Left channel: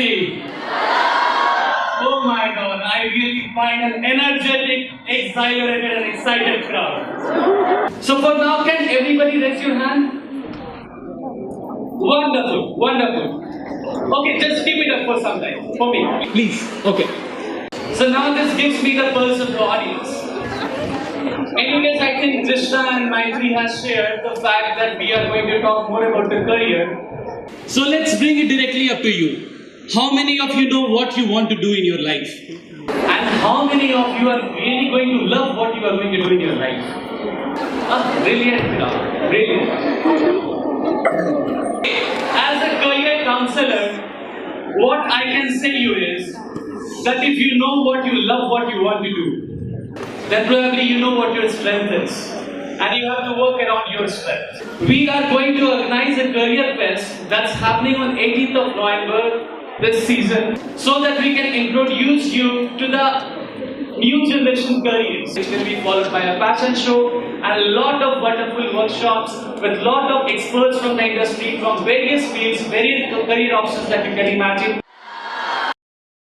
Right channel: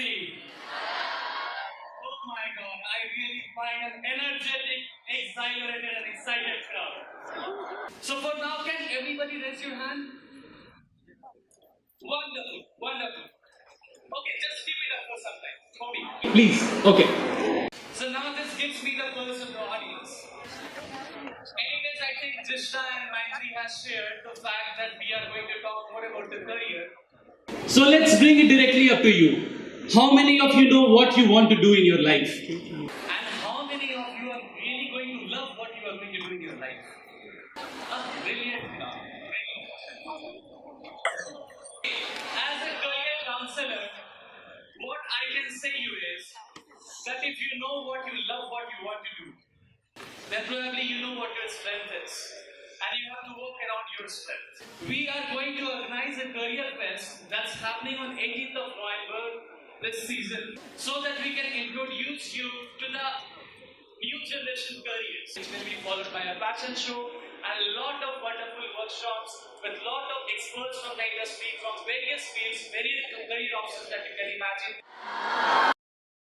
Priyadrshi. Oh my God, I really find an energetic, exhilarated and excited crowd. So for now, can everybody raise your hand? Wonderful, wonderful. Okay, just keep it up for some time, for me, please. Okay. So now this gives me the pulse of the audience. Anyways, I think Krishna and Maitri has shared the fact that we are going to talk more about the career. So let's bring it directly up to you. How many of you know what you want to do in your life? And how many of you are really going to love what you are going to do in your life? Brilliant, brilliant. As a career counselor, what I can say you is that if you know what you love, what you want to do, then probably you know what your strength is. And you have to work around your strength. We are going to organize a career fest that's happening on 18th of November this season, so that we can introduce you to the new generation careers. It will be followed by a fashion show and a lot of wonderful workshops with a lot of experts from the industry, from various fields, various career options that you can imagine.